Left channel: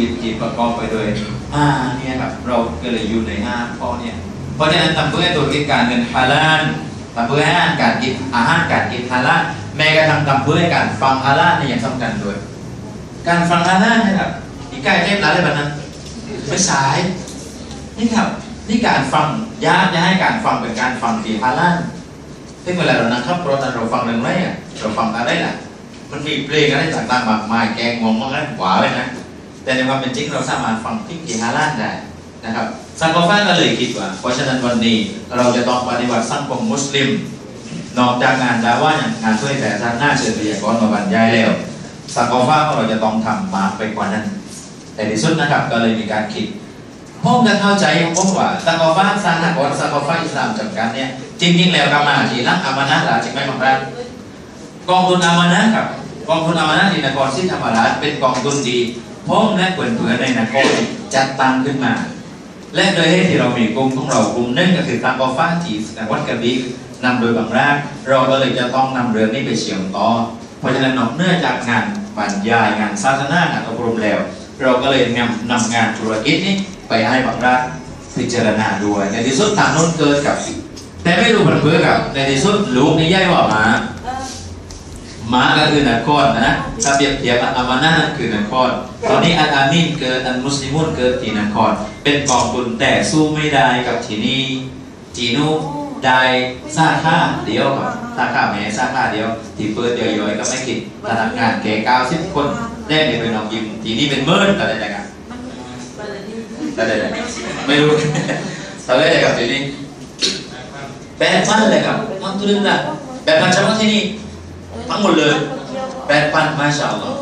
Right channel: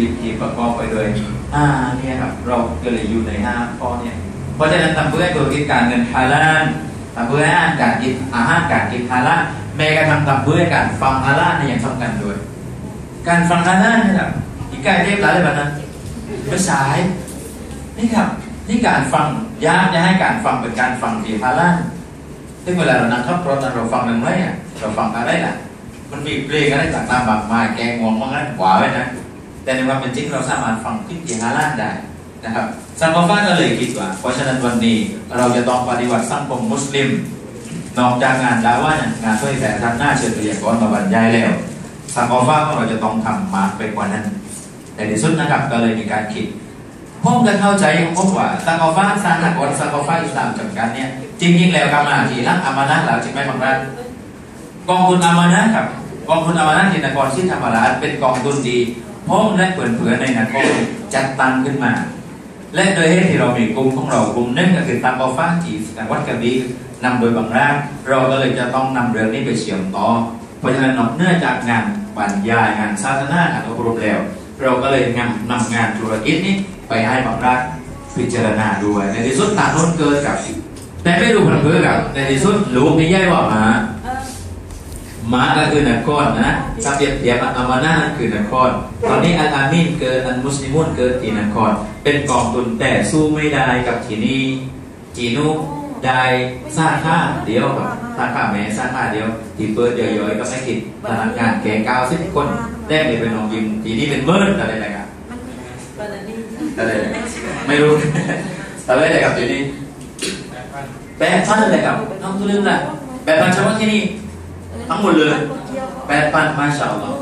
วิตที่ประกอบไปด้วยห้าเนี่ยครับเราก็เลยอยู่ในห้าข้อเนี่ย เพราะฉะนั้นทำเพื่อให้ธุรกิจการเงินฮาลาลทำเพื่อให้อาหารการกินอาหารการกินฮาลาลแม้กระทั่งทำเพื่อให้การฟังฮาลาลเนี่ยยังสำคัญด้วย การฟังฮาลาลเนี่ยครับอีกใกล้เทพหลายเลยแบบนั้นไม่สายนี่ครับนี่การฟังยากจะให้การฟังเป็นการฟังที่ฮาลาลซึ่งเวลาเรานั่งขับรถนั้นเราฟังเรื่องอะไรอะเราฟังอะไรล่ะมันมีเพลงอะไรต่างๆมากมายแกงงวงมังอะไรหวาไว้นะ แต่ในความเป็นจริงเราสามารถฟังที่ที่ฮาลาลได้นะครับสังคมฟ้าก็เลยคิดว่า เพราะฉะนั้นวันนี้เราจะต้องปฏิวัติสังคมมุสลิม นอกจากงานดาว่าเนี่ยงานเผยแผ่ทางหน้าเชิญวิทยากรมาบรรยายแล้วสังคมฟ้าของเราจะต้องทำมากไปกว่านั้น แต่ที่สุดนะครับก็เลยมีการคิดผมจะเข้าใจผมว่าสังคมฟ้าสร้างกรสังคมฟ้าอิสลามจำกัดเนี่ยจริงๆแล้วกรรมาทีรักอามานะแล้วจริงไหมบางท่านกองทุนอามานะครับกองทุนอามานะที่นครศรีธรรมราชเป็นกองทุนดี ผมและเพื่อนๆในนครจัดตั้งขึ้นมา และโดยเหตุที่เรามีกลุ่มของเรากลุ่มหนึงก็คือตังกอฟ้าที่จัวัดกระบี่นำโดยบางรากเราก็เลยจะต้องนำเรื่องนี้ไปเชื่อมต่อ เพราะฉะนั้นนอกเหนื่องจากงานบรรยายงานศาสนางานอบรมแล้ว เราก็เลยนำนำงานธุรกิจนี้ไปให้บางรากพิจารณาด้วยในที่สุดทางโน้นเกิดกับ แต่ไม่รู้มันเพื่อกับในที่สุดลูกนี่ย่ายบอกมา มาก็คือนครนะถ้าเปรียบเทียบอันอามานะนั่นคือนครตอนนี้อันอามินเกิดอันมุสลิมุนเกิดที่นครเป็นกองทุนแต่สู้ไม่ได้กับที่นี่จีนูได้ซาค่าเดียวกับซาค่าแม่ซาค่าเดียวที่เปิดย่อยๆก็ไม่คิดพนักงานแก่เก้าสิบคนแรกนี่เป็นน้องยิมทีนี้เป็นเมิร์ดอะไรนะครับอะไรไม่รู้อะไรนะครับทีนี้แปดพันเลยครับเอาตัวนึงละแปดพันเฉพาะที่นี่ ทั้งหมดเลยแปดพันมาชาอัลลอฮ์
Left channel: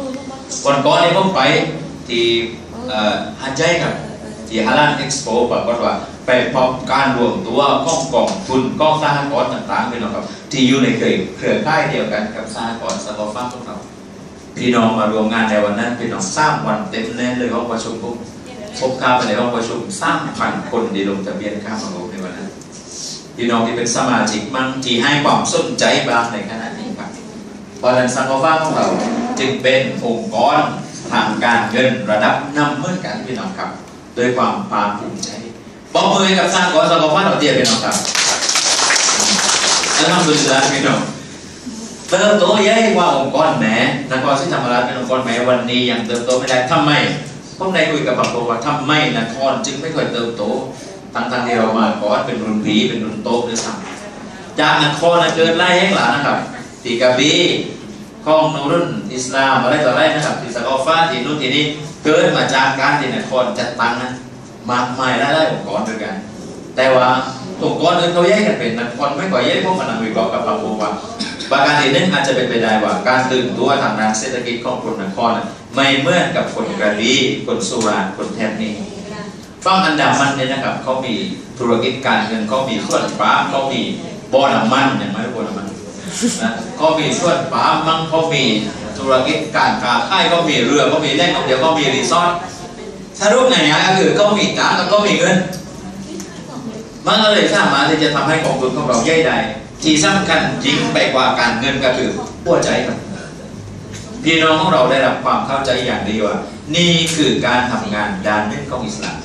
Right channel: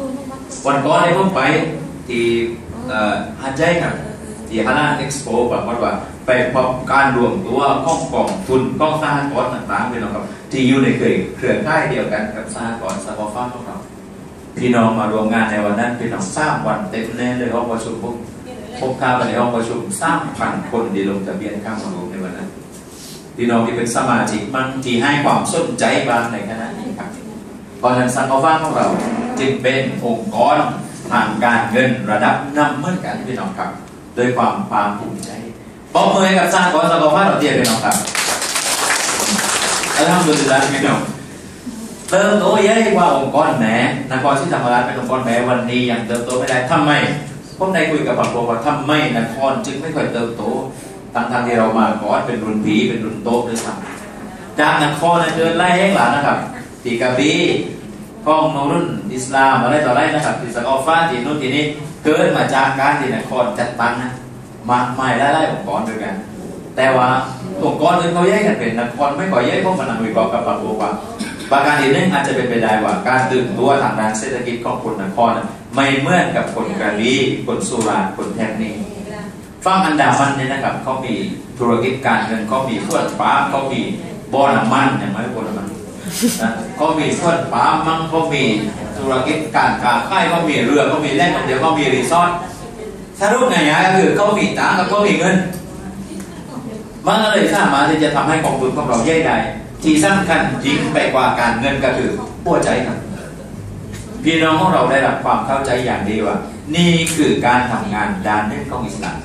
วันก่อนเนี่ยผมไปที่ฮัจญ์ครับ ที่ฮาลาลเอ็กซ์โปปรากฏว่าไปพบการรวมตัวของกองทุนกองสหกรณ์ต่างๆพี่น้องครับที่อยู่ในเครือเครือข่ายเดียวกันกับสหกรณ์สตอฟ้าของเราพี่น้องมารวมงานในวันนั้นพี่น้องสร้างวันเต็มแน่เลยห้องประชุมผมพบข้าไปในห้องประชุมสร้างพันคนที่ลงทะเบียนเข้ามารวมในวันนั้นพี่น้องที่เป็นสมาชิกบางที่ให้ความสนใจบางในขณะ เพราะฉะนั้นสังฆฟ้าของเราจึงเป็นองค์กรทางการเงินระดับนำเหมือนกันพี่น้องครับด้วยความภาคภูมิใจบอกมือกับสร้างกรสังฆฟ้าเราเทียบพี่น้องครับอัลฮัมดุลิลลาห์พี่น้องเติบโตใหญ่กว่าองค์กรแหมนครศรีธรรมราชเป็นองค์กรแหมวันนี้ยังเติบโตไม่ได้ทำไมผมได้คุยกับบางคนว่าทำไมนครจึงไม่ค่อยเติบโตทั้งๆที่เรามาก่อนเป็นรุ่นพีเป็นรุ่นโตด้วยซ้ำจากนครน่ะเกิดไล่แห้งหลานนะครับ ตีกะบี่ของนูรุนอิสลามอะไรต่ออะไรนะครับที่สกอฟ้าที่นู่นที่นี่เกิดมาจากการที่นครจัดตั้งนะมากมายหลายๆองค์กรด้วยกัน แต่ว่าองค์กรอื่นเขาแยกกันเป็นนครไม่ก่อแยกเพวกมันนำวิเครกับพระโอว่าประการที่หนึ่งอาจจะเป็นไปได้ว่าการตื่นตัวทางด้านเศรษฐกิจของคนนครไม่เหมือนกับคนกระบี่คนสุราคนแทบนี้ฝั่งอันดามันเนี่ยนะครับเขามีธุรกิจการเงินเขามีเครื่องปลาล์มเขามีบ่อน้ำมันอย่างไร เขามีเครื่องปามมั่งเขามีธุรกิจการค้าขายเขามีเรือเขามีแหล่งท่องเที่ยวเขามีรีสอร์ทสรุปไง่ายๆก็คือเขามีตังค์กับเขามีเงินมันก็เลยสามารถที่จะทำให้กองทุนของเราใหญ่ได้ที่สำคัญจริงไปกว่าการเงินก็คือหัวใจครับพี่น้องของเราได้รับความเข้าใจอย่างดีว่า นี่คือการทำงานด้านหนึ่งของอิสลาม